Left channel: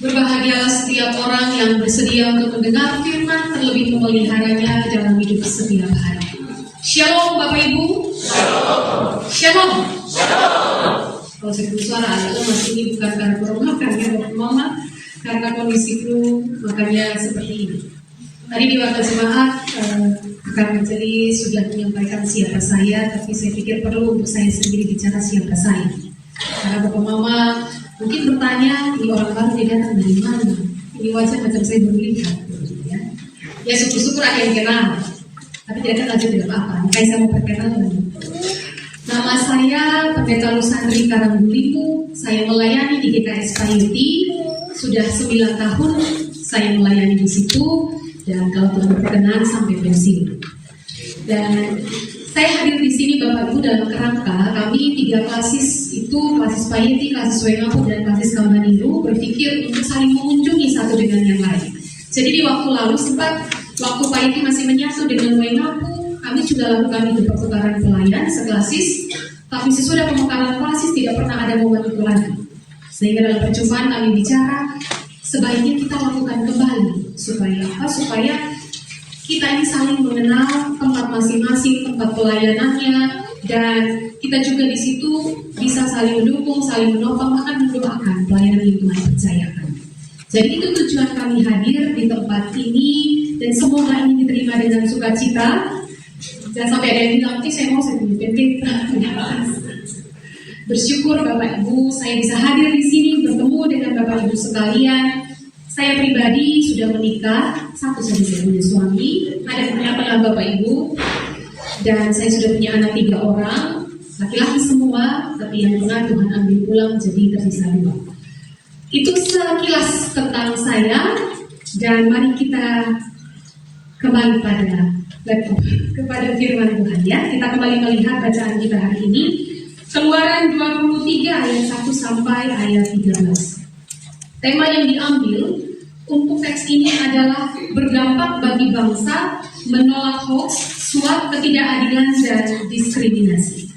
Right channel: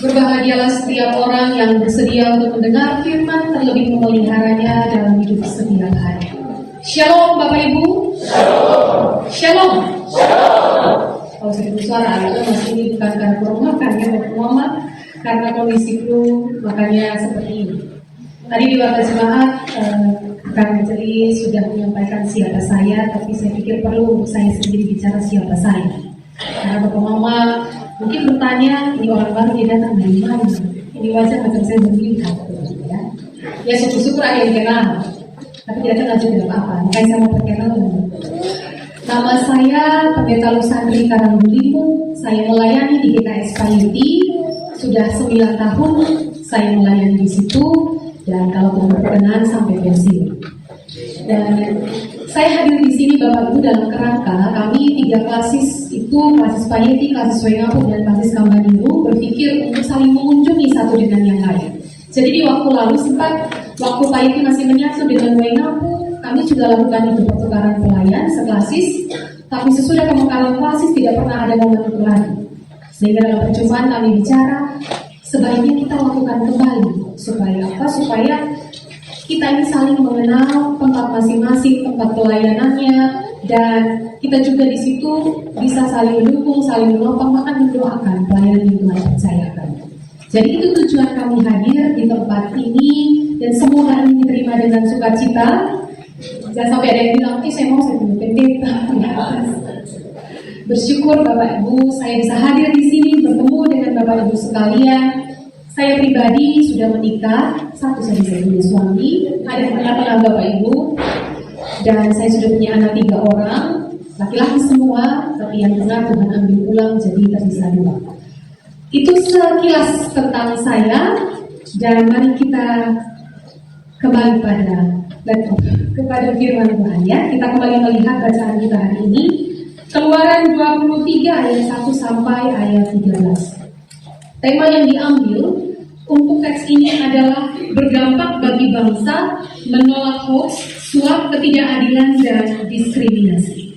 Berbahagialah setiap orang yang bersedia untuk mendengar firman, terlebih memeliharanya dalam hidup setiap hari. Shalom Bapak Ibu. Shalom. Shalom. Kalau saya bersuara agak lemas, ini bukan karena corona, karena kondisi flu, makanya seperti ini. Tadi di waktu jemaat, Kak Anjeli sudah menyampaikan siapa saya, tapi saya pikir perlu untuk saya sendiri bicara siapa saya. Karena Bapak Mama mungkin bertanya, ini orang baru dia datang dari mana? Ini wajah macam saya belum lihat, ya. Ya syukur-syukur ada yang kenal, tapi tidak kenal juga tidak apa-apa. Makanya saya mau perkenal dulu. Nama saya Pendeta Lusandri Karangbulimu. Saya melayani di GKS Payuti sudah 9 tahun. Saya melayani di situ dan kalau Tuhan berkenan sampai pensiun. Dan saya hadir di sini Bapak Ibu dalam kerangka kami 3 klasis itu, klasis Payeti, klasis Wengapu dan klasis Kamaniru berpikir untuk saling mengunjungi satu dengan yang lain. Jadi di waktu lalu sempat waktu Payeti masih menyatu dengan Wengapu, kami juga lakukan itu pertukaran pelayan seklasis, tapi sesudah pemekaran klasis tidak pernah ada momen itu lagi. Sehingga dalam perjumpaan kami bicara sebaiknya kita lakukan kembali supaya apa? Supaya kita ini saling mengenal tempat masing-masing, tempat pelayanannya, dan kita juga di situ bisa saling mendukung, saling menopang, bahkan mendoakan pelayanan yang Tuhan percayakan. Jadi itu tujuan kami hadir di tempat ini, dan semoga ini diterima dengan sukacita. Jangan sampai ada yang bilang, saya mau saya punya pendeta. Bersyukur Bapak Ibu, saya bisa hadir di sini bertemu dengan Bapak Ibu sekalian. Saya pribadi sudah menikah, satu saja saya punya suami, ada anak-anak Bapak Ibu, dan saya sudah punya anak 3 orang, laki-laki semua, tapi yang tengah Tuhan ambil pulang jadi tersisa 2. Itu sekilas tentang saya, dan mari kita kembali kepada firman Tuhan ya. Kita kembali melihat bacaan kita hari ini, Keluaran 23 ayat 1 sampai ayat 13. Tema yang diambil untuk teks ini adalah berdampak bagi bangsa, menolak hoax, suap, ketidakadilan, dan diskriminasi.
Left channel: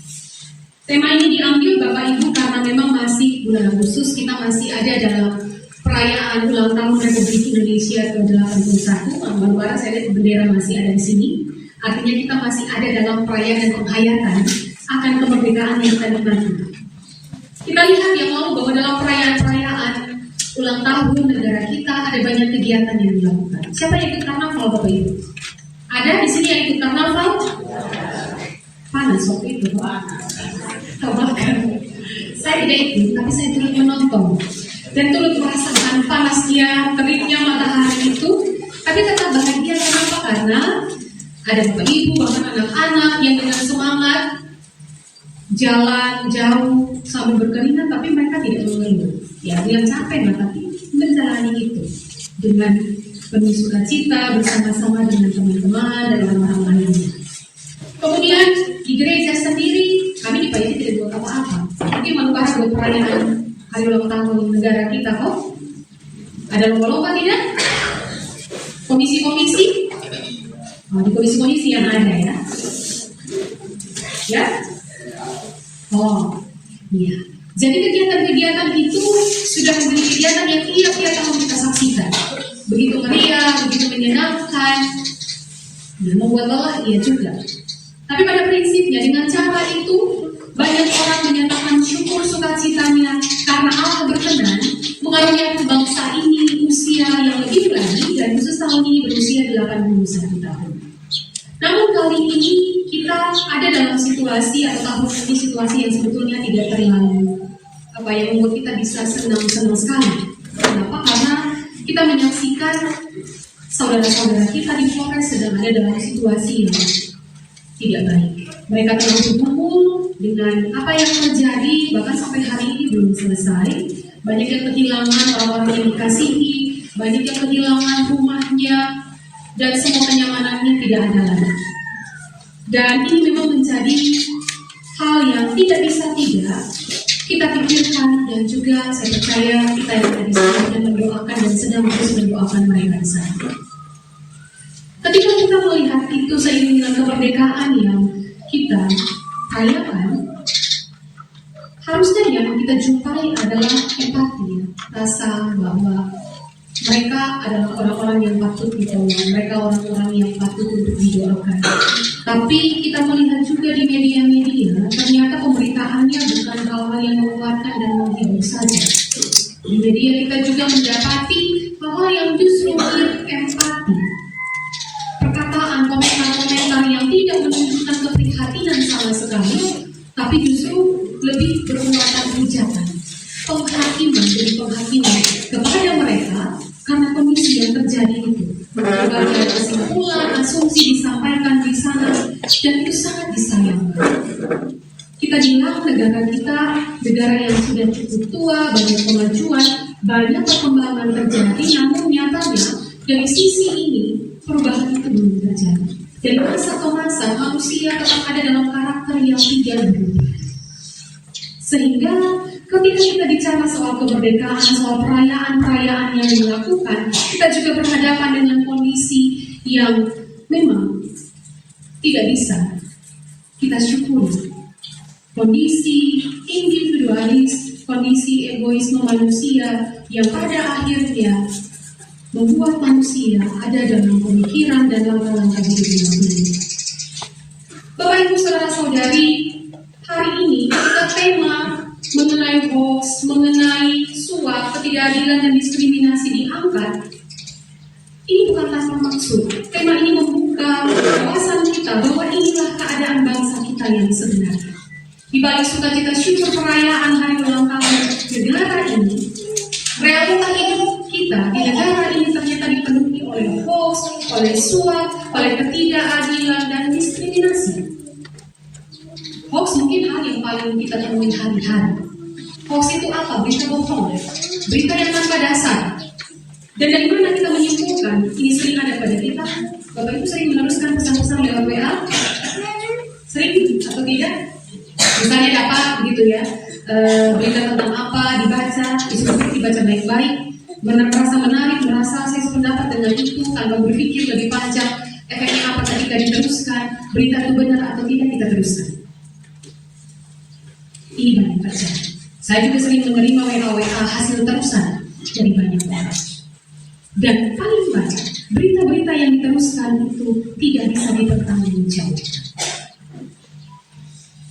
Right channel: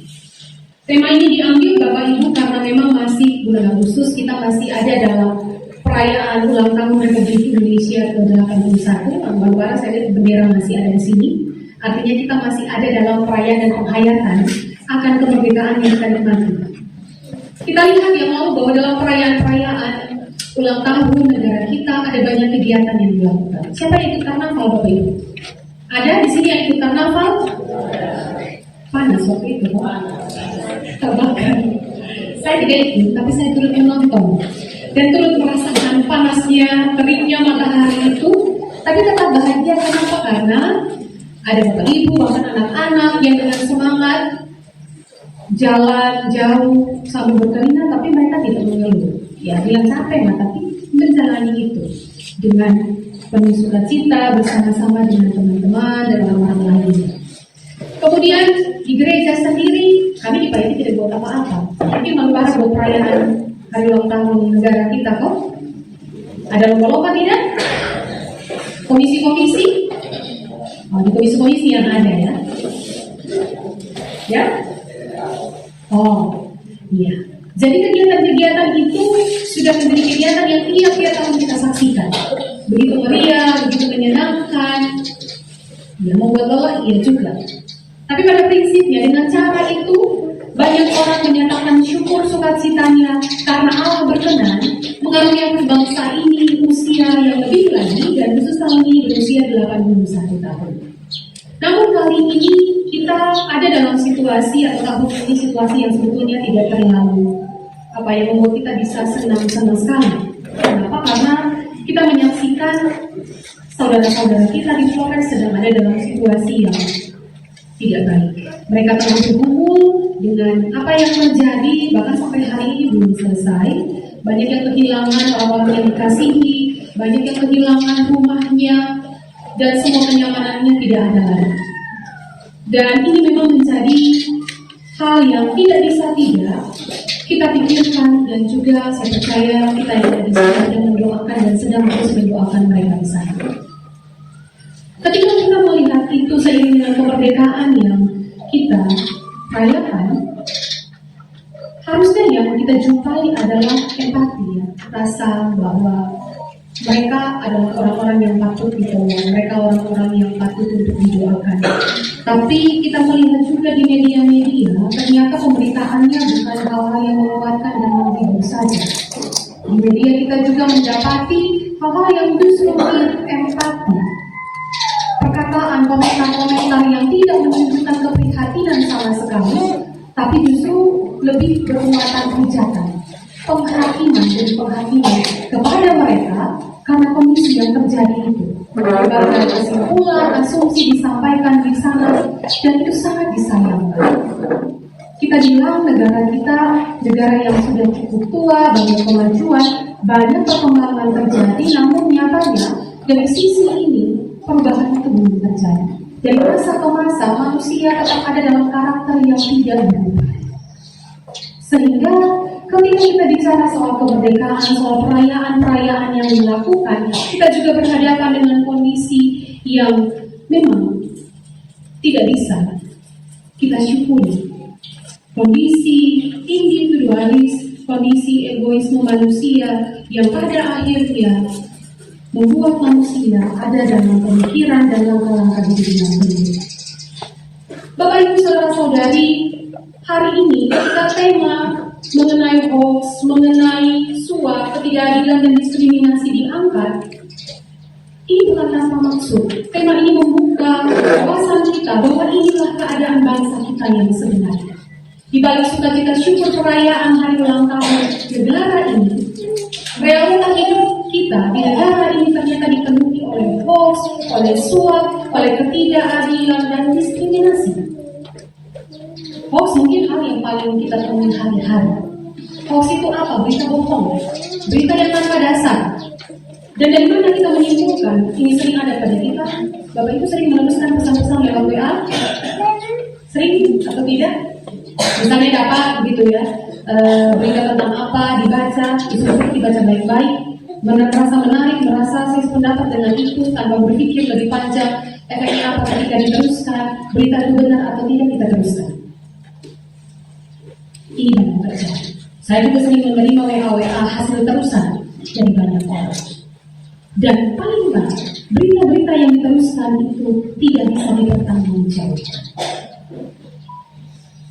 Tema ini diambil Bapak Ibu karena memang masih bulan Agustus, kita masih ada dalam perayaan ulang tahun Republik Indonesia ke-81. Baru-baru saya lihat bendera masih ada di sini. Artinya kita masih ada dalam perayaan dan penghayatan akan kemerdekaan yang akan dinantikan. Kita lihat yang lalu bahwa dalam perayaan-perayaan ulang tahun negara kita ada banyak kegiatan yang dilakukan. Siapa yang ikut karnaval Bapak Ibu? Ada di sini yang ikut karnaval? Panas waktu itu, terbakar. Saya tidak ikut, tapi saya turut menonton dan turut merasakan panasnya, teriknya matahari itu. Tapi tetap bahagia kenapa? Karena ada Bapak Ibu, bahkan anak-anak yang dengan semangat jalan jauh sambil berkeringat, tapi mereka tidak mengeluh. Ya, bilang capek tapi menjalani itu dengan penuh sukacita bersama-sama dengan teman-teman dan orang-orang lainnya. Kemudian di gereja sendiri kami di Payeti tidak buat apa-apa. Jadi membahas buat perayaan hari ulang tahun negara kita kok. Ada lomba-lomba tidak? Komisi-komisi? Oh, di komisi-komisi yang ada ya. Ya? Oh, iya. Jadi kegiatan-kegiatan itu sudah menjadi kegiatan yang tiap-tiap tahun kita saksikan. Begitu meriah, begitu menyenangkan. Dan membuat lelah, iya juga. Tapi pada prinsipnya dengan cara itu banyak orang menyatakan syukur sukacitanya karena Allah berkenan mengaruniakan bangsa ini usia yang lebih lagi, dan khusus tahun ini berusia 81 tahun. Namun kali ini kita ada dalam situasi atau tahun ini situasi yang sebetulnya tidak terlalu yang membuat kita bisa senang-senang sekali. Kenapa? Karena kita menyaksikan saudara-saudara kita di Flores sedang ada dalam situasi yang tidak baik. Mereka tengah bergumul dengan apa yang terjadi, bahkan sampai hari ini belum selesai. Banyak yang kehilangan orang-orang yang dikasihi, banyak yang kehilangan rumahnya, dan semua kenyamanannya tidak ada lagi. Dan ini memang menjadi hal yang tidak bisa tidak kita pikirkan, dan juga saya percaya kita yang ada di sana dan mendoakan dan sedang terus mendoakan mereka di sana. Ketika kita melihat itu seiring dengan kemerdekaan yang kita rayakan, harusnya yang kita jumpai adalah empati, ya. Rasa bahwa mereka adalah orang-orang yang patut ditolong, mereka orang-orang yang patut untuk didoakan. Tapi kita melihat juga di media-media, ternyata pemberitaannya bukan hal-hal yang menguatkan dan menghibur saja. Di media kita juga mendapati hal-hal yang justru berempati, perkataan, komentar-komentar yang tidak menunjukkan keprihatinan sama sekali, tapi justru lebih bermuatan pijakan, penghakiman kepada mereka karena kondisi yang terjadi itu. Berbagai kesimpulan, asumsi disampaikan di sana, dan itu sangat disayangkan. Kita bilang negara kita, negara yang sudah cukup tua, banyak kemajuan, banyak perkembangan terjadi, namun nyatanya dari sisi ini perubahan itu belum terjadi. Dari masa ke masa manusia tetap ada dalam karakter yang tidak berubah. Sehingga ketika kita bicara soal kemerdekaan, soal perayaan-perayaan yang dilakukan, kita juga berhadapan dengan kondisi yang memang tidak bisa kita syukuri. Kondisi individualis, kondisi egoisme manusia yang pada akhirnya membuat manusia ada dalam pemikiran dan langkah-langkah hidup yang berbeda. Bapak Ibu saudara-saudari, hari ini kita tema mengenai hoax, mengenai suap, ketidakadilan dan diskriminasi diangkat. Ini bukan tanpa maksud. Tema ini membuka wawasan kita bahwa inilah keadaan bangsa kita yang sebenarnya. Di balik sukacita syukur perayaan hari ulang tahun negara ini, realita hidup kita di negara ini ternyata dipenuhi oleh hoax, oleh suap, oleh ketidakadilan dan diskriminasi. Hoax mungkin hal yang paling kita temui hari-hari. Hoax itu apa? Berita bohong, berita yang tanpa dasar. Dan dari mana kita menyimpulkan ini sering ada pada kita? Bapak Ibu sering meneruskan pesan-pesan lewat WA? Sering atau tidak? Misalnya dapat gitu ya, berita tentang apa dibaca, disuruh dibaca baik-baik, merasa menarik, merasa saya sependapat dengan itu tanpa berpikir lebih panjang, efeknya apa ketika diteruskan, berita itu benar atau tidak kita teruskan. Ini banyak terjadi. Saya juga sering menerima WA hasil terusan dari banyak orang. Dan paling banyak berita-berita yang diteruskan itu tidak bisa dipertanggungjawabkan.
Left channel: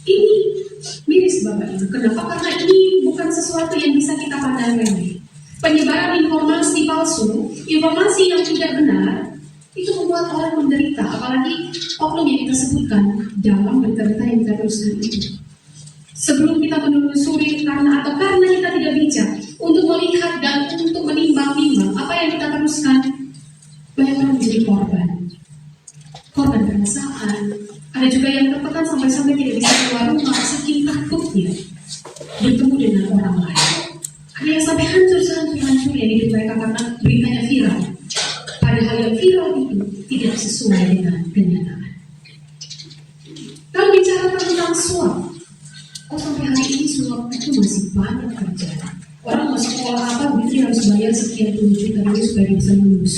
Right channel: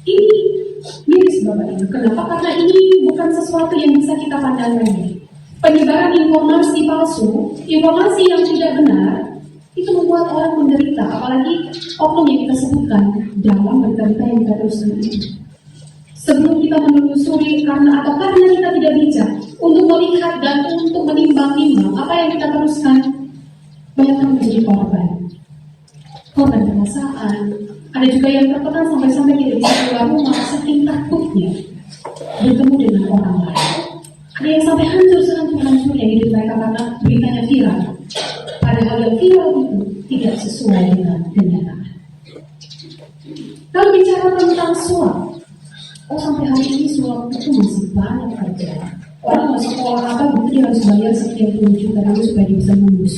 Ini miris Bapak Ibu. Kenapa? Karena ini bukan sesuatu yang bisa kita pandang remeh. Penyebaran informasi palsu, informasi yang tidak benar, itu membuat orang menderita. Apalagi oknum yang kita sebutkan dalam berita-berita yang kita teruskan itu. Sebelum kita menelusuri karena kita tidak bijak untuk melihat dan untuk menimbang-nimbang apa yang kita teruskan, banyak orang menjadi korban perasaan. Ada juga yang tertekan sampai-sampai tidak bisa keluar rumah saking takutnya bertemu dengan orang lain. Ada yang sampai hancur-hancurnya hidup mereka karena beritanya viral. Padahal yang viral itu tidak sesuai dengan kenyataan. Lalu bicara tentang suap, sampai hari ini suap itu masih banyak terjadi. Orang masuk sekolah apa begitu harus bayar sekian puluh juta dulu supaya dia bisa lulus.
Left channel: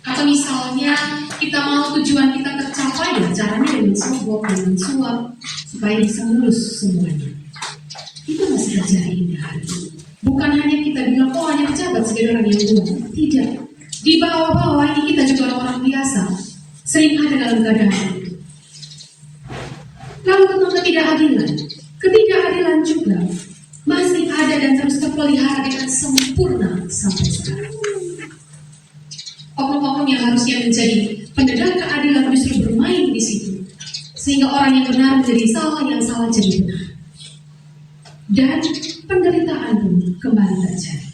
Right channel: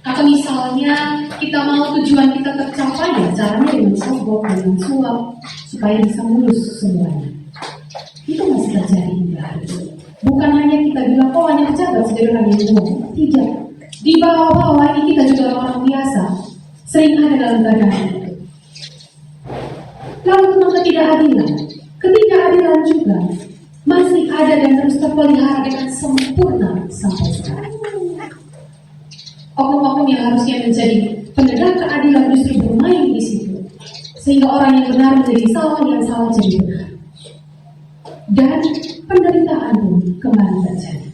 Atau misalnya kita mau tujuan kita tercapai, ya caranya dengan suap supaya bisa lulus semuanya. Itu masih terjadi hingga hari ini. Bukan hanya kita bilang, hanya pejabat sebagai orang yang bohong. Tidak. Di bawah-bawah ini kita juga orang biasa. Sering ada dalam keadaan itu. Lalu tentang ketidakadilan. Ketidakadilan juga masih ada dan terus terpelihara dengan sempurna sampai sekarang. Oknum-oknum yang harusnya menjadi penegak keadilan justru bermain di situ, sehingga orang yang benar menjadi salah, yang salah jadi benar. Dan penderitaan pun kembali terjadi.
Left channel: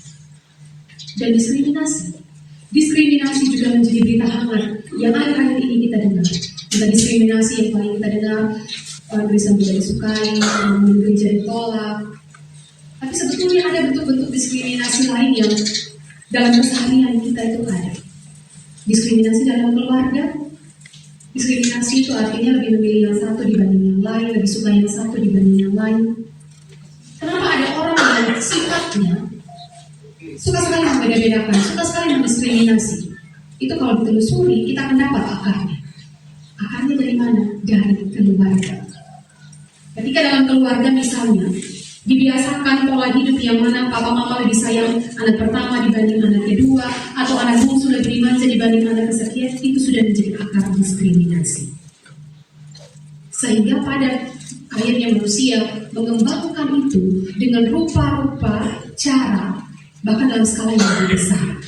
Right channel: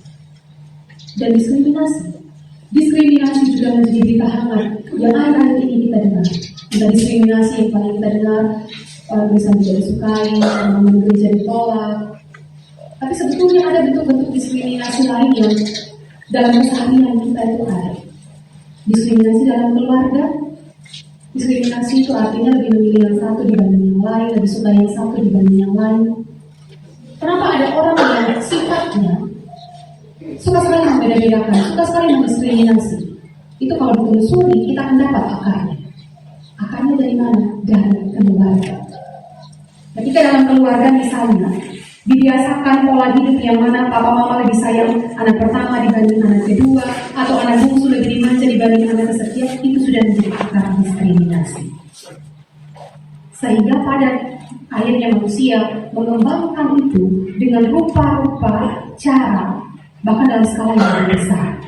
Dan diskriminasi juga menjadi berita hangat yang akhir-akhir ini kita dengar. Tentang diskriminasi yang paling kita dengar, orang Kristen tidak disukai, orang gereja ditolak. Tapi sebetulnya ada bentuk-bentuk diskriminasi lain yang dalam keseharian kita itu ada. Diskriminasi dalam keluarga. Diskriminasi itu artinya lebih memilih yang satu dibanding yang lain, lebih suka yang satu dibanding yang lain. Kenapa ada orang yang sifatnya suka sekali membeda-bedakan, suka sekali mendiskriminasi? Itu kalau ditelusuri kita akan dapat akarnya. Akarnya dari mana? Dari keluarga. Ketika dalam keluarga misalnya Dibiasakan pola hidup yang mana papa mama lebih sayang anak pertama dibanding anak kedua, atau anak bungsu lebih dimanja dibanding anak kesekian, itu sudah menjadi akar diskriminasi. Sehingga pada akhirnya manusia mengembangkan itu dengan rupa-rupa, cara, bahkan dalam skala yang lebih besar.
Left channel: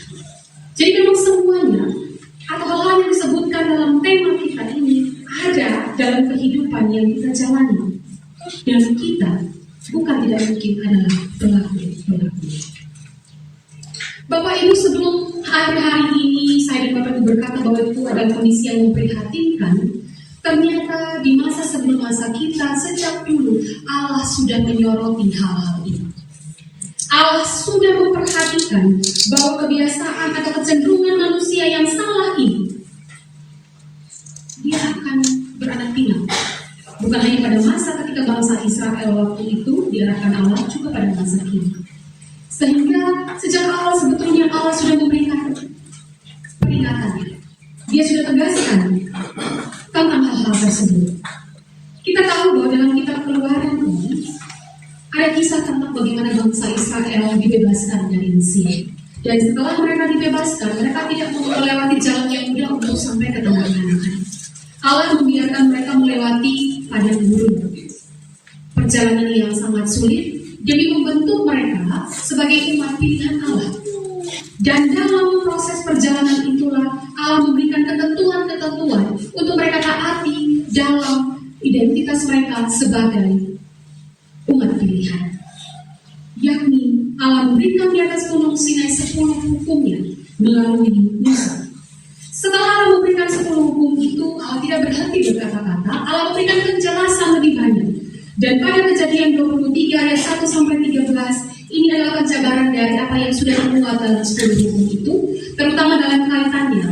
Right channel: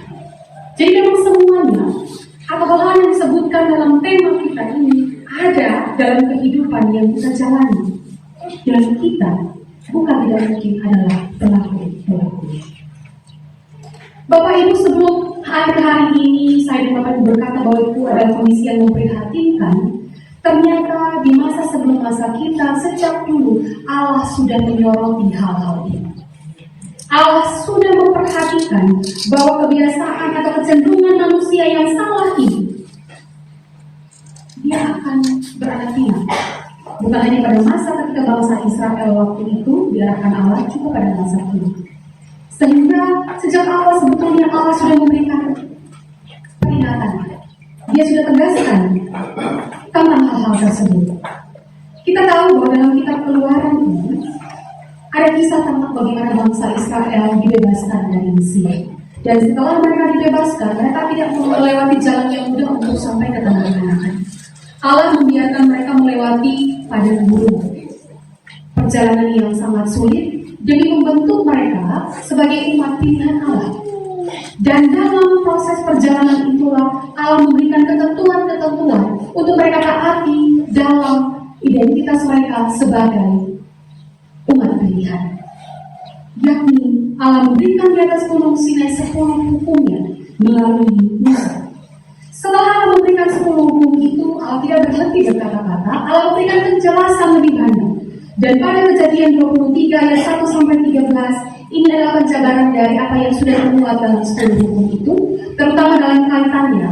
Jadi memang semuanya atau hal-hal yang disebutkan dalam tema kita ini ada dalam kehidupan yang kita jalani, dan kita bukan tidak mungkin adalah pelaku. Bapak Ibu, sebelum akhir hari ini saya dan Bapak Ibu berkata bahwa itu adalah kondisi yang memprihatinkan, ternyata di masa sebelum masa kita, sejak dulu Allah sudah menyoroti hal-hal ini. Allah sudah memperhatikan bahwa kebiasaan atau kecenderungan manusia yang salah ini, dia akan beranak pinak. Bukan hanya pada masa ketika bangsa Israel waktu itu diarahkan Allah, juga pada masa kini. Sehingga sejak awal sebetulnya Allah sudah memberikan peringatannya. Dia sudah tegaskan tentang hal-hal tersebut. Kita tahu bahwa dalam kitab Keluaran ini ada kisah tentang bagaimana bangsa Israel dibebaskan dari Mesir. Dan setelah mereka dibebaskan, mereka tidak melewati jalan yang mudah untuk sampai ke tanah Kanaan. Allah membiarkan mereka melewati padang gurun, perjalanan yang sangat sulit demi membentuk mereka sebagai umat pilihan Allah. Dan dalam proses perjalanan itulah Allah memberikan ketentuan-ketentuan untuk mereka taati dalam identitas mereka sebagai umat pilihan. Yakni Allah memberikan di atas gunung Sinai 10 hukumnya melalui Musa. Setelah Allah memberikan 10 hukum itu, Allah tidak berhenti berkata-kata, Allah memberikan penjelasan lebih banyak. Dan pada Kejadian 23 ayat 1 sampai 13, ini adalah penjabaran dari apa yang sudah dimuat dalam 10 hukum itu, terutama dalam kaitannya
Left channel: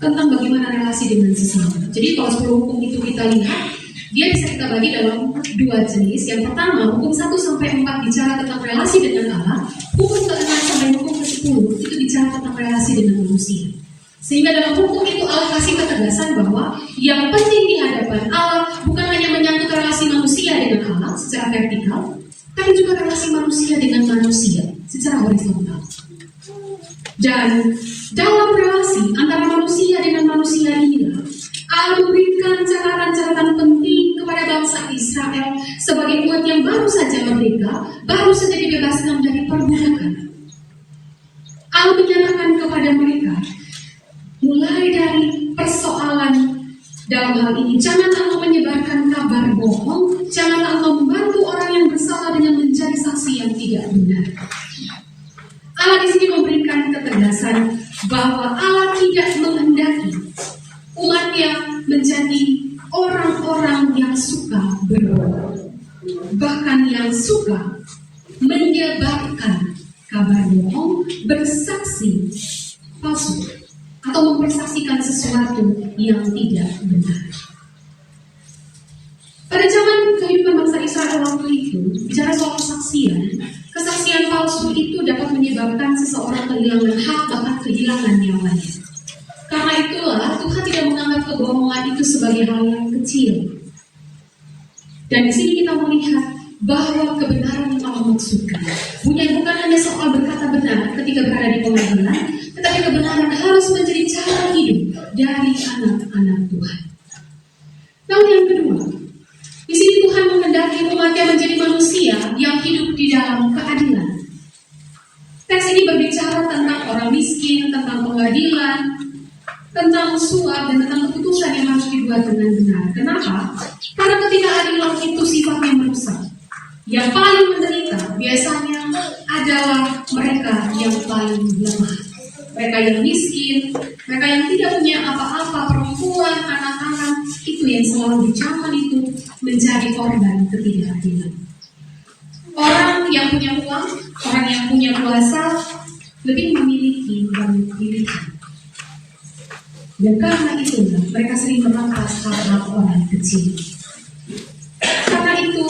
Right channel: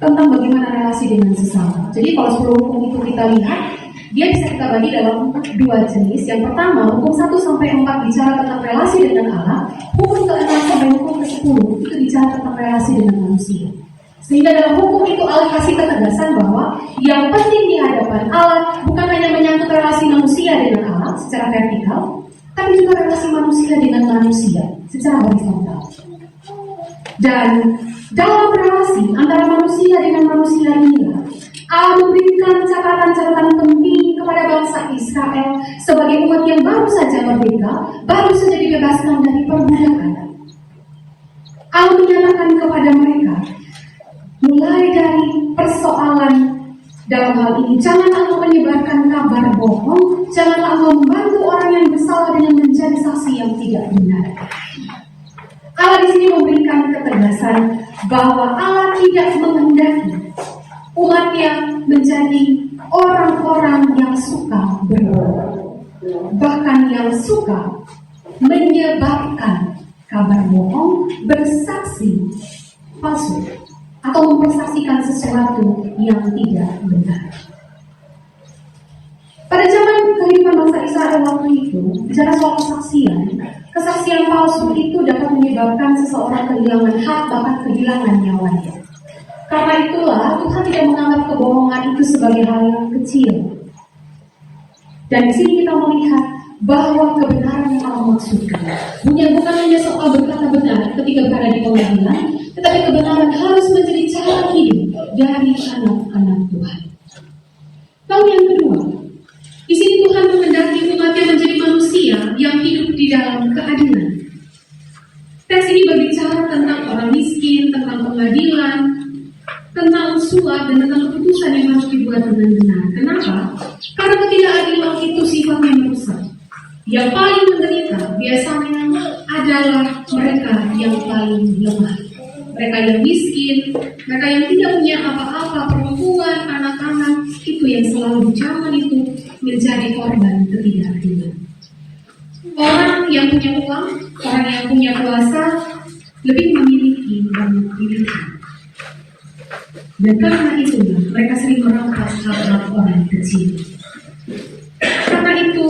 tentang bagaimana relasi dengan sesama. Jadi kalau 10 hukum itu kita lihat, dia bisa kita bagi dalam 2 jenis. Yang pertama, hukum 1 sampai 4 bicara tentang relasi dengan Allah, hukum ke-6 sampai hukum ke-10 itu bicara tentang relasi dengan manusia. Sehingga dalam hukum itu Allah kasih ketegasan bahwa yang penting di hadapan Allah bukan hanya menyangkut relasi manusia dengan Allah secara vertikal, tapi juga relasi manusia dengan manusia secara horizontal. Dan dalam relasi antara manusia dengan manusia inilah Allah memberikan catatan-catatan penting kepada bangsa Israel sebagai umat yang baru saja merdeka, baru saja dibebaskan dari perbudakan. Allah menyatakan kepada mereka, mulai dari persoalan dalam hal ini, jangan engkau menyebarkan kabar bohong, jangan engkau membantu orang yang bersalah dengan menjadi saksi yang tidak benar. Allah di sini memberikan ketegasan bahwa Allah tidak menghendaki umatnya menjadi orang-orang yang suka berbohong, bahkan yang suka menyebarkan kabar bohong, bersaksi palsu, atau mempersaksikan sesuatu yang tidak benar. Pada zaman kehidupan bangsa Israel waktu itu, bicara soal kesaksian palsu itu dapat menyebabkan seseorang kehilangan hak, bahkan kehilangan nyawanya. Karena itulah Tuhan tidak menganggap kebohongan itu sebagai hal yang kecil. Dan di sini kita melihat bahwa kebenaran yang Allah maksudkan bukan hanya soal berkata benar ketika berada di pengadilan, tetapi kebenaran harus menjadi cara hidup dari anak-anak Tuhan. Lalu yang kedua, di sini Tuhan menghendaki umatnya menjadi manusia yang hidup di dalam keadilan. Teks ini berbicara tentang orang miskin, tentang pengadilan, tentang suap, dan tentang keputusan yang harus dibuat dengan benar. Kenapa? Karena ketidakadilan itu sifatnya merusak. Yang paling menderita biasanya adalah mereka yang paling lemah. Mereka yang miskin, mereka yang tidak punya apa-apa, perempuan, anak-anak, itu yang selalu di zaman itu menjadi korban ketidakadilan. Orang yang punya uang, orang yang punya kuasa, lebih memiliki banyak pilihan. Dan karena itulah mereka sering merampas hak-hak orang kecil. Karena itu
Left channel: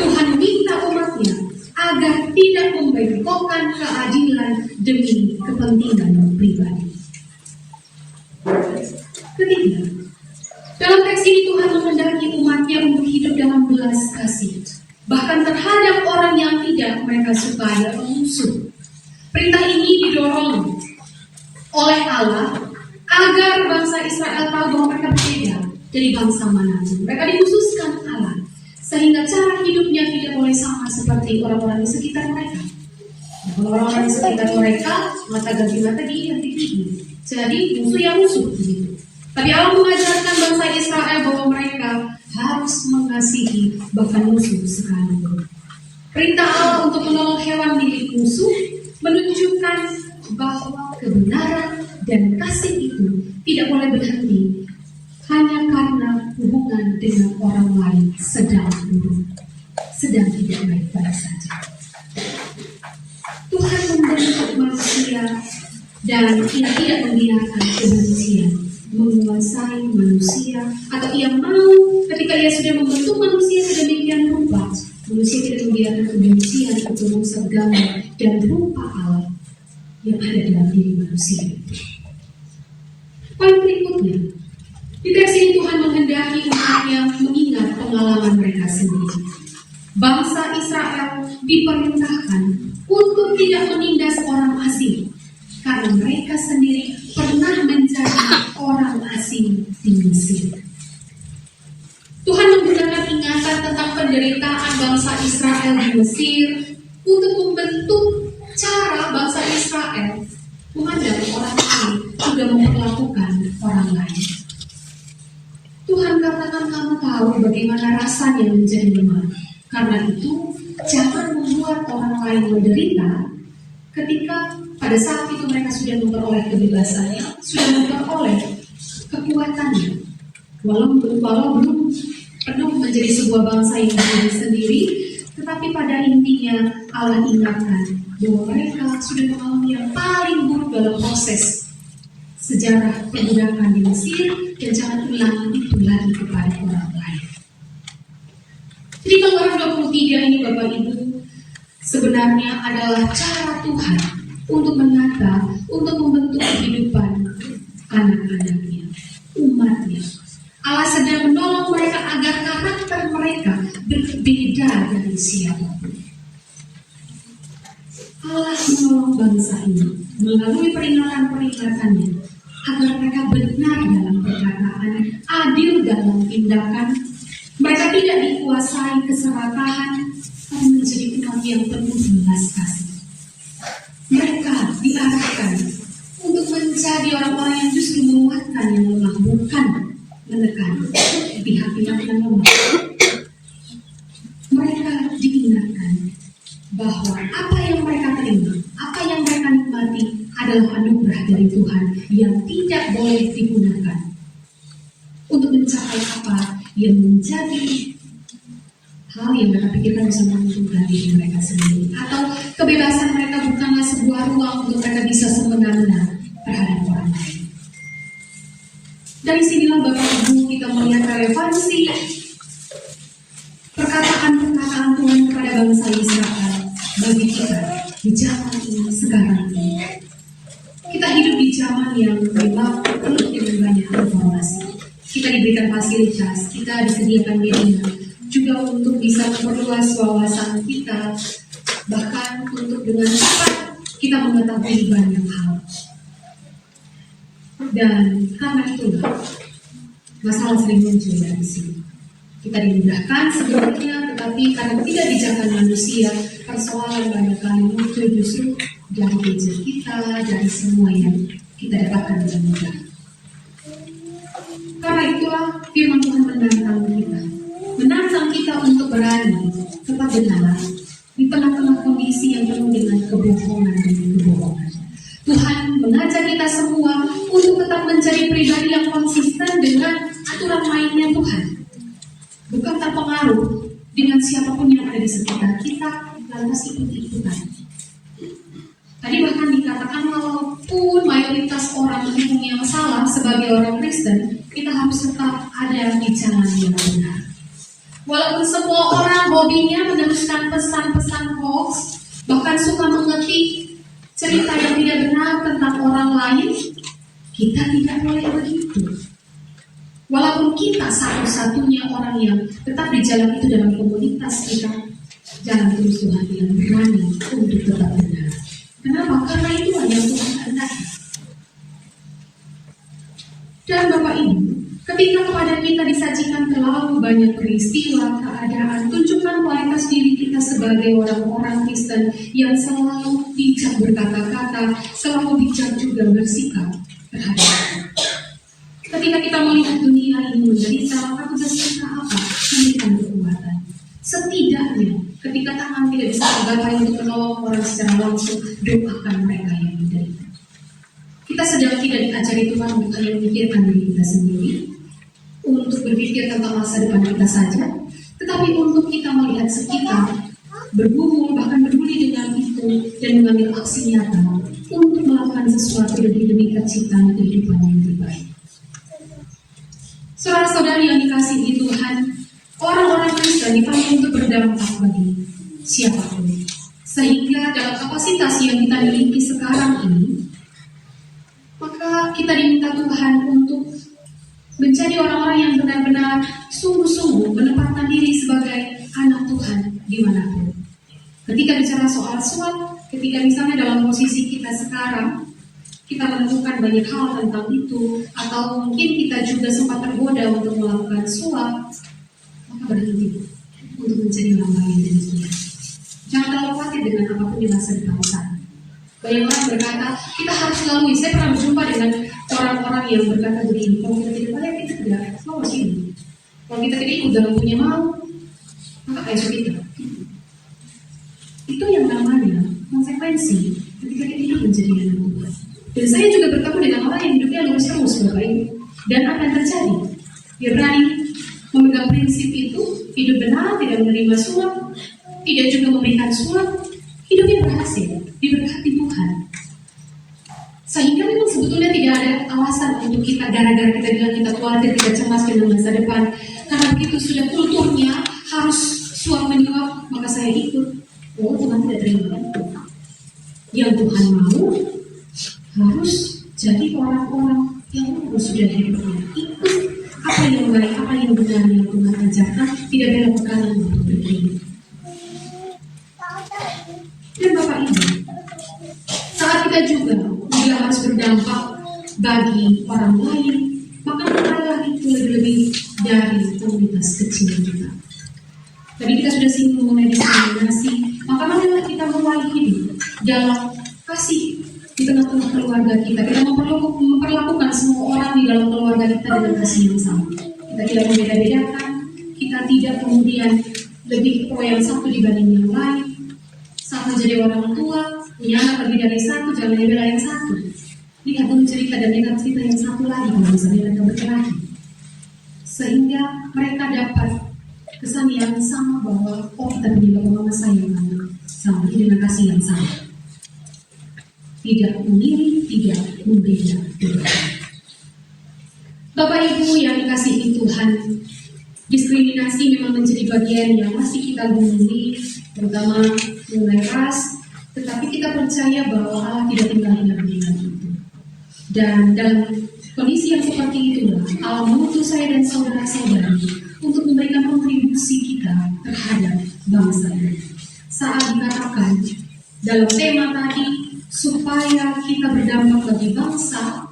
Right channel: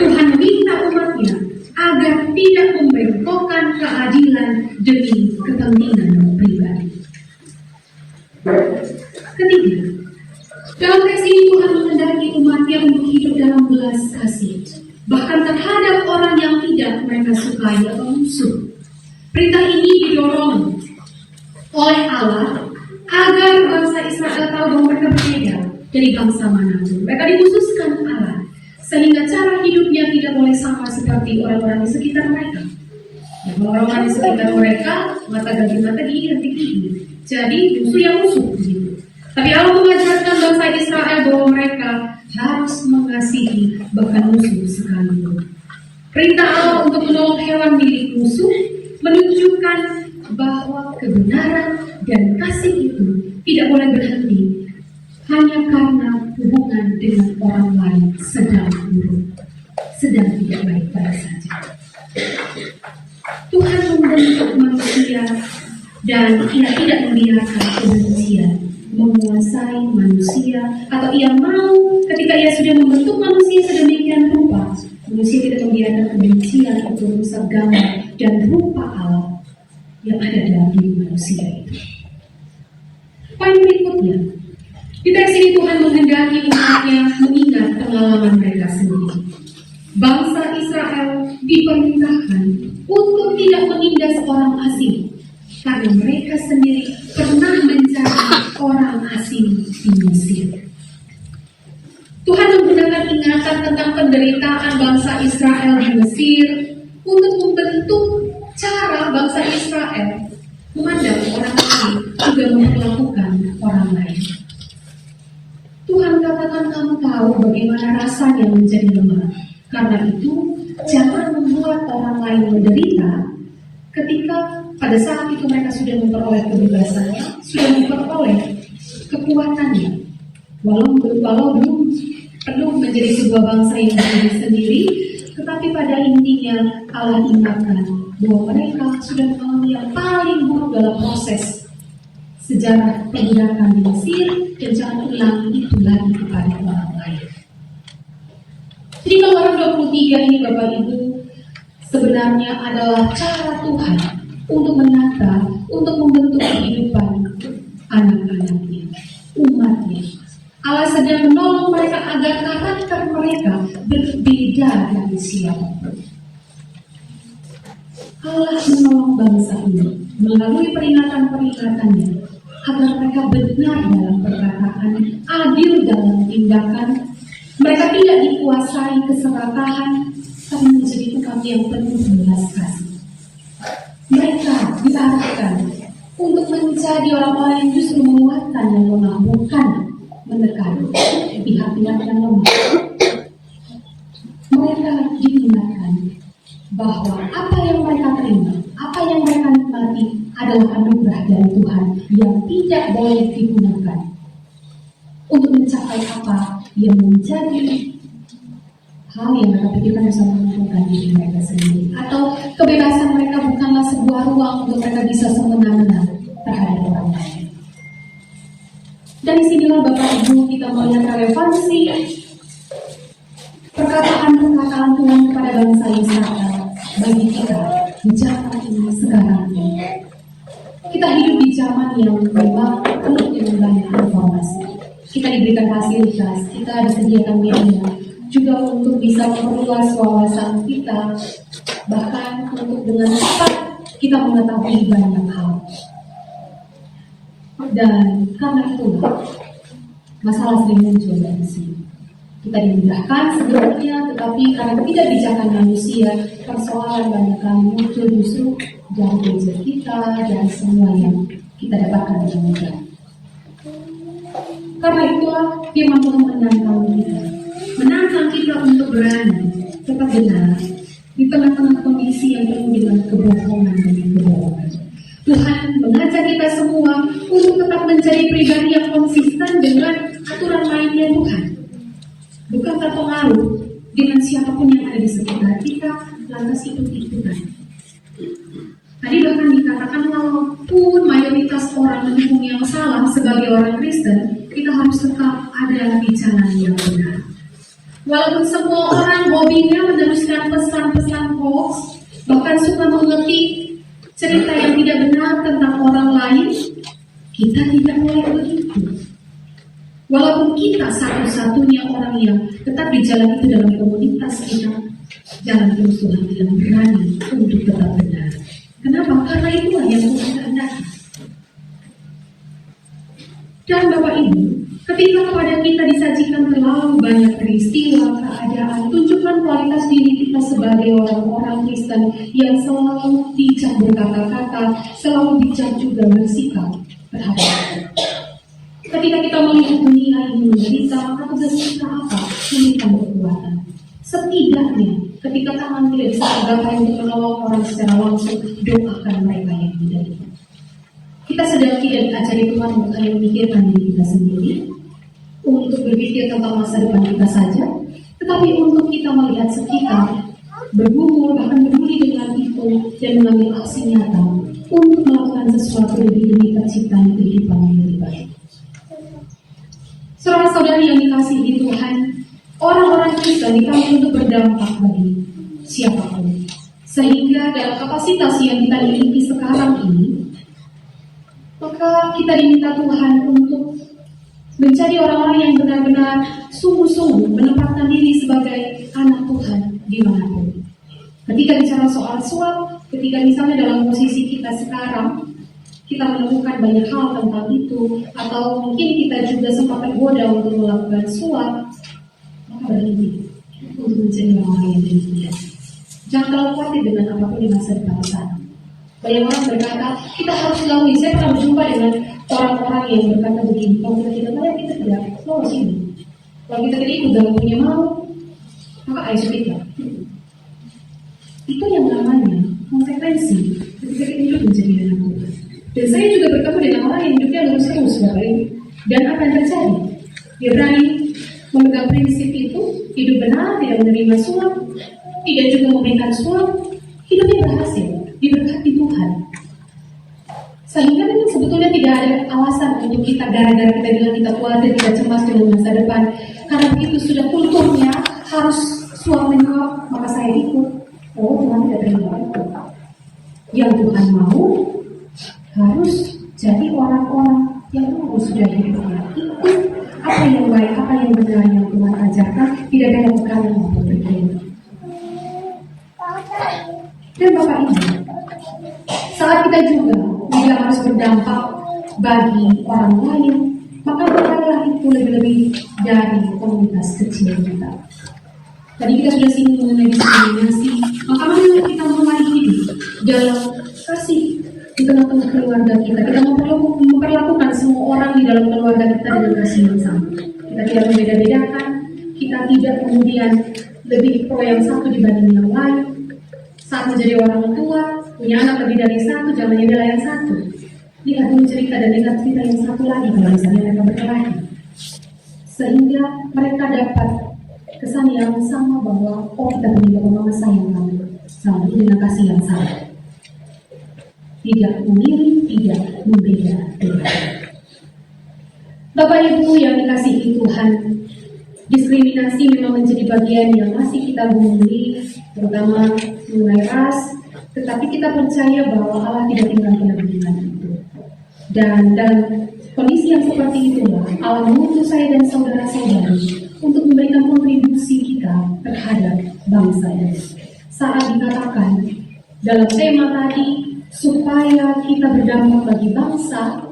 Tuhan minta umatnya agar tidak membengkokkan keadilan demi kepentingan pribadi. Ketiga, dalam teks ini Tuhan menghendaki umatnya untuk hidup dalam belas kasih. bahkan terhadap orang yang tidak mereka sukai atau musuh. Perintah ini didorong oleh Allah agar bangsa Israel tahu bahwa mereka berbeda dari bangsa manapun. Mereka dikhususkan Allah sehingga cara hidupnya tidak boleh sama seperti orang-orang di sekitar mereka. Orang-orang di sekitar mereka mata ganti mata, gigi ganti gigi. Jadi musuh yang musuh. Tapi Allah mengajarkan bangsa Israel bahwa mereka harus mengasihi bahkan musuh sekalipun. Perintah Allah untuk menolong hewan milik musuh menunjukkan bahwa kebenaran dan kasih itu tidak boleh berhenti hanya karena hubungan dengan orang lain sedang buruk, sedang tidak baik-baik saja. Tuhan membentuk manusia dan Ia tidak membiarkan kebencian menguasai manusia, atau Ia mau ketika Ia sudah membentuk manusia sedemikian rupa, manusia tidak membiarkan kebencian untuk merusak gambar dan rupa Allah yang ada dalam diri manusia itu. Poin berikutnya, di teks ini Tuhan menghendaki umatnya mengingat pengalaman mereka sendiri. Bangsa Israel diperintahkan untuk tidak menindas orang asing karena mereka sendiri pernah menjadi orang asing di Mesir. Tuhan menggunakan ingatan tentang penderitaan bangsa Israel di Mesir untuk membentuk cara bangsa Israel menghadapi orang lain juga memperlakukan orang lain. Tuhan katakan kamu tahu bagaimana rasanya menjadi lemah. Karena itu jangan membuat orang lain menderita ketika pada saat itu mereka sudah memperoleh kebebasannya, sudah memperoleh kekuatannya. Walau belum penuh menjadi sebuah bangsa yang berdiri sendiri, tetapi pada intinya Allah ingatkan bahwa mereka sudah mengalami yang paling buruk dalam proses sejarah perbudakan di Mesir, dan jangan ulangi itu lagi kepada orang lain. Jadi Keluaran 23 ini Bapak Ibu sebenarnya adalah cara Tuhan untuk menata, untuk membentuk kehidupan anak-anaknya, umatnya. Allah sedang menolong mereka agar karakter mereka berbeda dari siapapun. Allah menolong bangsa ini melalui peringatan-peringatannya agar mereka benar dalam perkataan, adil dalam tindakan. Mereka tidak dikuasai keserakahan, tapi menjadi umat yang penuh belas kasih. Mereka diarahkan untuk menjadi orang-orang yang justru menguatkan yang lemah, bukan menekan pihak-pihak yang lemah. Mereka diingatkan bahwa apa yang mereka terima, apa yang mereka nikmati adalah anugerah dari Tuhan yang tidak boleh digunakan untuk mencapai apa yang menjadi hal yang mereka pikirkan bisa menguntungkan diri mereka sendiri, atau kebebasan mereka bukanlah sebuah ruang untuk mereka bisa semena-mena terhadap orang lain. Dari sinilah Bapak Ibu kita melihat relevansi perkataan-perkataan Tuhan kepada bangsa Israel bagi kita di zaman ini sekarang ini. Kita hidup di zaman yang memang penuh dengan banyak informasi. Kita diberikan fasilitas, kita disediakan media, juga untuk bisa memperluas wawasan kita, bahkan untuk dengan cepat kita mengetahui banyak hal. Dan karena itulah masalah sering muncul dari sini. Kita dimudahkan sebelumnya, tetapi karena tidak bijakan manusia, persoalan banyak kali muncul justru dari gadget kita, dari semua yang kita dapatkan dengan mudah. Karena itulah firman Tuhan menantang kita untuk berani tetap benar di tengah-tengah kondisi yang penuh dengan kebohongan dan kebohongan. Tuhan mengajak kita semua untuk tetap mencari pribadi yang konsisten dengan aturan mainnya Tuhan, bukan terpengaruh dengan siapapun yang ada di sekitar kita, lantas ikut-ikutan. Tadi bahkan dikatakan walaupun mayoritas orang mendukung yang salah sebagai orang Kristen, kita harus tetap ada di jalan yang benar. Walaupun semua orang hobinya meneruskan pesan-pesan hoax, bahkan suka mengetik cerita yang tidak benar tentang orang lain, kita tidak boleh begitu. Walaupun kita satu-satunya orang yang tetap di jalan itu dalam komunitas kita, jalan terus Tuhan yang berani untuk tetap benar. Kenapa? Karena itulah yang Tuhan kehendaki. Dan Bapak Ibu, ketika kepada kita disajikan terlalu banyak peristiwa, keadaan, tunjukkan kualitas diri kita sebagai orang-orang Kristen yang selalu bijak berkata-kata, selalu bijak juga bersikap terhadap kita. Ketika kita melihat dunia ini menderita, maka tugas kita apa? Memberikan kekuatan. Setidaknya, ketika tangan tidak bisa tergapai untuk menolong orang secara langsung, doakan mereka yang tidak itu. Kita sedang tidak diajari Tuhan untuk hanya memikirkan diri kita sendiri, untuk berpikir tentang masa depan kita saja, tetapi untuk kita melihat sekitar, bergumul, bahkan peduli dengan itu, dan mengambil aksi nyata untuk melakukan sesuatu demi terciptanya kehidupan yang lebih baik. Saudara-saudari yang dikasihi Tuhan, orang-orang Kristen dipanggil untuk berdampak bagi siapapun. Sehingga dalam kapasitas yang kita miliki sekarang ini, maka kita diminta Tuhan untuk menjadi orang-orang yang benar-benar sungguh-sungguh menempatkan diri sebagai anak Tuhan dimanapun. Ketika bicara soal suap, ketika misalnya dalam posisi kita sekarang, kita menemukan banyak hal tentang itu, atau mungkin kita juga sempat tergoda untuk melakukan suap, maka berhenti untuk menjadi orang yang demikian. Jangan terlalu khawatir dengan apapun di masa depan sana. Banyak orang berkata, kita harus lalui. Saya pernah berjumpa dengan orang-orang yang berkata begini, kalau kita tidak layak, kita tidak lolos ini. Kalau kita tidak ikut dalam punya mau, maka ayo kita. Itu yang namanya konsekuensi ketika kita hidup menjadi anak Tuhan. Dan saya juga bertemu dengan orang yang hidupnya lurus-lurus, Bapak Ibu. Dan apa yang terjadi? Dia berani memegang prinsip itu, hidup benar, tidak menerima suap, tidak juga memberikan suap, hidupnya berhasil, diberkati Tuhan. Sehingga memang sebetulnya tidak ada alasan untuk kita gara-gara kita bilang kita khawatir, kita cemas dengan masa depan. Karena begitu sudah kulturnya harus suap menyuap, maka saya ikut. Oh, Tuhan tidak terima. Yang Tuhan mau harus jadi orang-orang yang sudah hidupnya ikut apa yang baik, apa yang benar yang Tuhan ajarkan, tidak bela perkara maupun berbeda. Dan Bapak Ibu, saat kita juga bila harus berdampak bagi orang lain, maka bukanlah itu lebih-lebih dari komunitas kecil kita. Tadi kita sudah singgung mengenai diskriminasi, maka marilah kita mulai hidup dalam kasih di tengah-tengah keluarga kita. Kita memperlakukan semua orang di dalam keluarga kita dengan kasih yang sama. Kita tidak membeda-bedakan, kita tidak kemudian lebih pro yang satu dibanding yang lain. Saat menjadi orang tua, punya anak lebih dari satu, jangan membela yang satu. Lihat dulu cerita dan lihat cerita yang satu lagi kalau misalnya mereka berkelahi. Sehingga mereka dapat kesan yang sama bahwa kita punya mama sayang sama dengan kasih yang sama. Tidak memilih, tidak membeda. Bapak Ibu yang dikasihi Tuhan, diskriminasi memang menjadi bagian yang masih kita gumuli, terutama mengenai ras, tetapi kita percaya bahwa Allah tidak tinggal diam dengan itu. Dan dalam kondisi yang seperti itulah Allah mengutus saya dan saudara-saudari untuk memberikan kontribusi kita terhadap bangsa ini. Saat dikatakan dalam tema tadi, supaya kita berdampak bagi bangsa,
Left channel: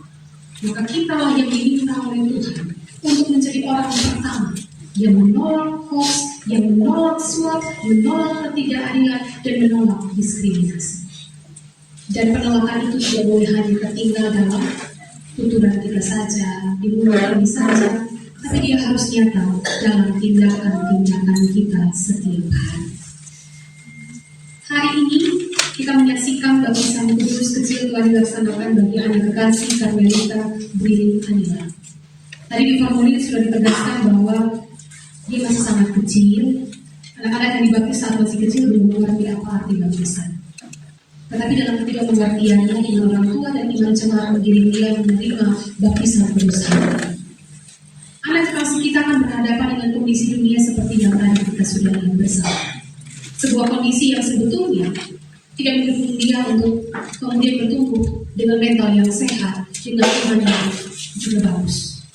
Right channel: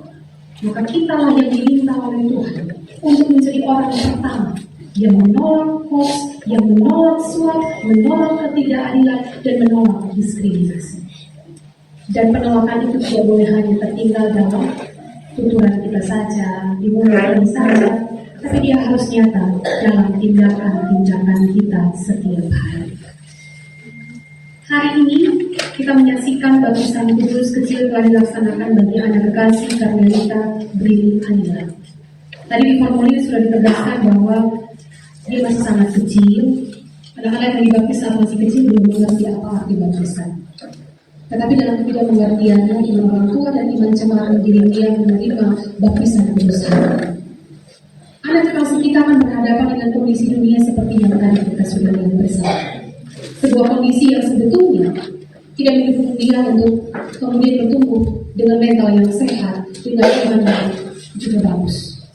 maka kita lah yang diminta oleh Tuhan untuk menjadi orang pertama yang menolak hoax, yang menolak suap, menolak ketidakadilan, dan menolak diskriminasi. Dan penolakan itu tidak boleh hanya tertinggal dalam tuturan kita saja, di mulut saja, tapi dia harus nyata dalam tindakan-tindakan kita setiap hari. Hari ini kita menyaksikan baptisan kudus kecil telah dilaksanakan bagi anak kekasih Karmelita Brilin Anila. Tadi di formulir sudah ditegaskan bahwa dia masih sangat kecil. Anak-anak yang dibaptis saat masih kecil belum mengerti apa arti baptisan. Tetapi dalam ketidakmengertiannya, iman orang tua dan iman cemaran diri dia menerima baptisan kudus hari. Anak kekasih kita akan berhadapan dengan kondisi dunia seperti yang tadi kita sudah lihat bersama. Sebuah kondisi yang sebetulnya tidak mendukung dia untuk kemudian bertumbuh dengan mental yang sehat, dengan iman yang juga bagus.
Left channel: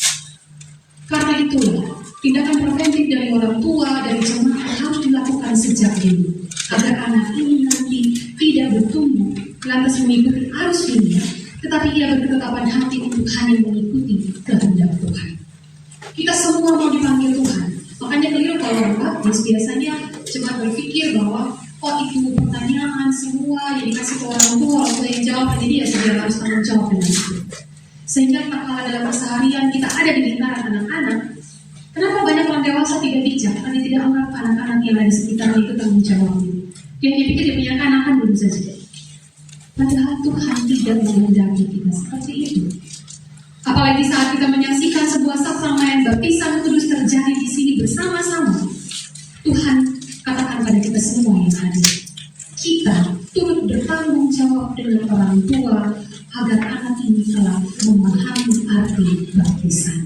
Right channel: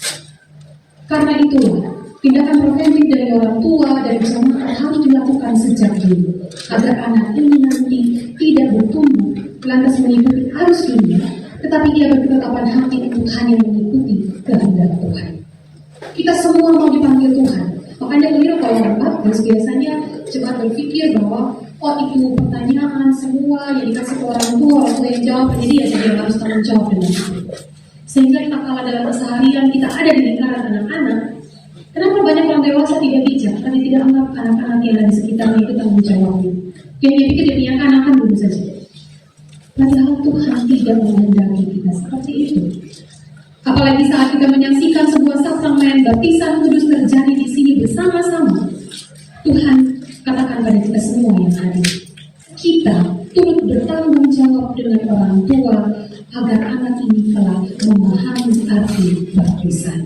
Karena itulah tindakan preventif dari orang tua, dari jemaat harus dilakukan sejak dulu, agar anak ini nanti tidak bertumbuh lantas mengikuti arus dunia, tetapi ia berketetapan hati untuk hanya mengikuti kehendak Tuhan. Kita semua mau dipanggil Tuhan. Makanya keliru kalau orang baptis biasanya cuma berpikir bahwa oh itu pertanyaan semua yang dikasih ke orang tua yang jawab, jadi ya dia harus tanggung jawab dengan itu. Sehingga tak kalah dalam keseharian kita ada di lingkaran anak-anak. Kenapa banyak orang dewasa tidak bijak? Karena tidak anggap anak-anak yang ada di sekitarnya itu tanggung jawabnya. Dia pikir dia punya anak-anak dulu saja. Padahal Tuhan tidak menghendaki kita seperti itu. Apalagi saat kita menyaksikan sebuah sakramaian baptisan kudus terjadi di sini bersama-sama. Tuhan katakan pada kita semua yang hadir, kita turut bertanggung jawab dengan orang tua agar anak ini telah memahami arti baptisan.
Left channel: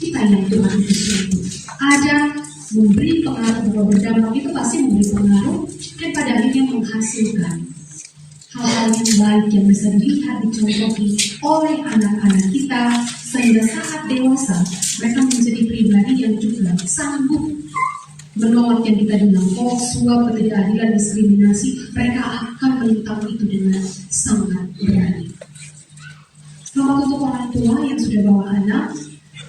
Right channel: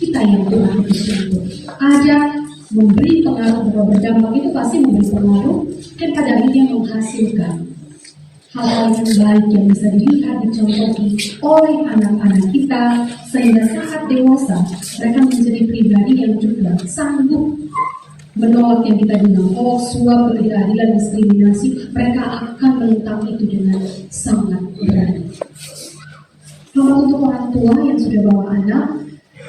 Kita yang Tuhan utus ada memberi pengaruh bahwa berdampak itu pasti memberi pengaruh dan pada akhirnya menghasilkan hal-hal yang baik yang bisa dilihat dicontohi oleh anak-anak kita sehingga saat dewasa mereka menjadi pribadi yang juga sanggup menolak yang kita bilang hoax, suap, ketidakadilan, diskriminasi. Mereka akan menentang itu dengan sangat berani. Selamat untuk orang tua yang sudah bawa anak,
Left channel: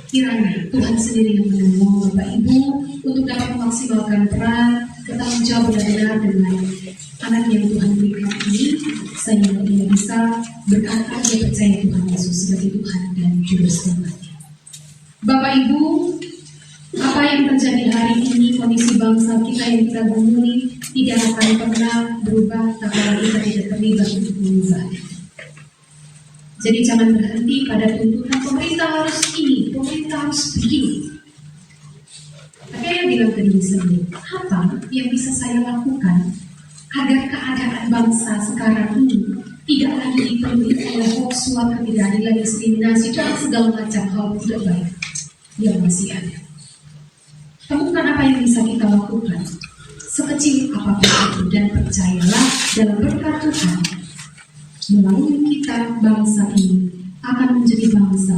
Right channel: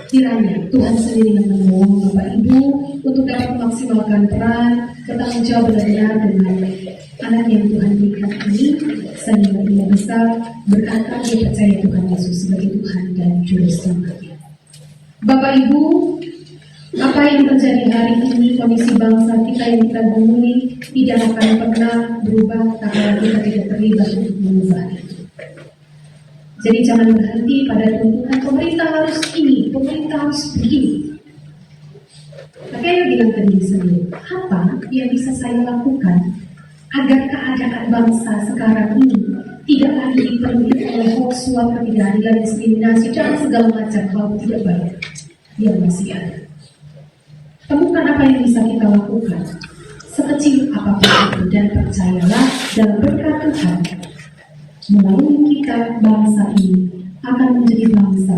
kiranya Tuhan sendiri yang menolong Bapak Ibu untuk dapat memaksimalkan peran bertanggung jawab benar-benar dengan anak yang Tuhan berikan ini, sehingga dia bisa berkata dia percaya Tuhan Yesus sebagai Tuhan dan Juru Selamatnya. Bapak Ibu, apa yang terjadi hari ini, kondisi bangsa kita yang kita temui tidak akan pernah berubah karena kita tidak terlibat untuk mengubahnya. Jadi jangan berhenti pada tuntutan pemerintah harus ini, pemerintah harus begini. Tapi saya bilang ke diri sendiri, apa yang bisa saya lakukan agar keadaan bangsa sekarang ini tidak lagi dipenuhi oleh hoax, suap, ketidakadilan, diskriminasi, dan segala macam hal tidak baik yang masih ada. Temukan apa yang bisa kita lakukan sekecil apapun itu, dan percayalah dalam berkat Tuhan melalui kita bangsa ini akan menjadi bangsa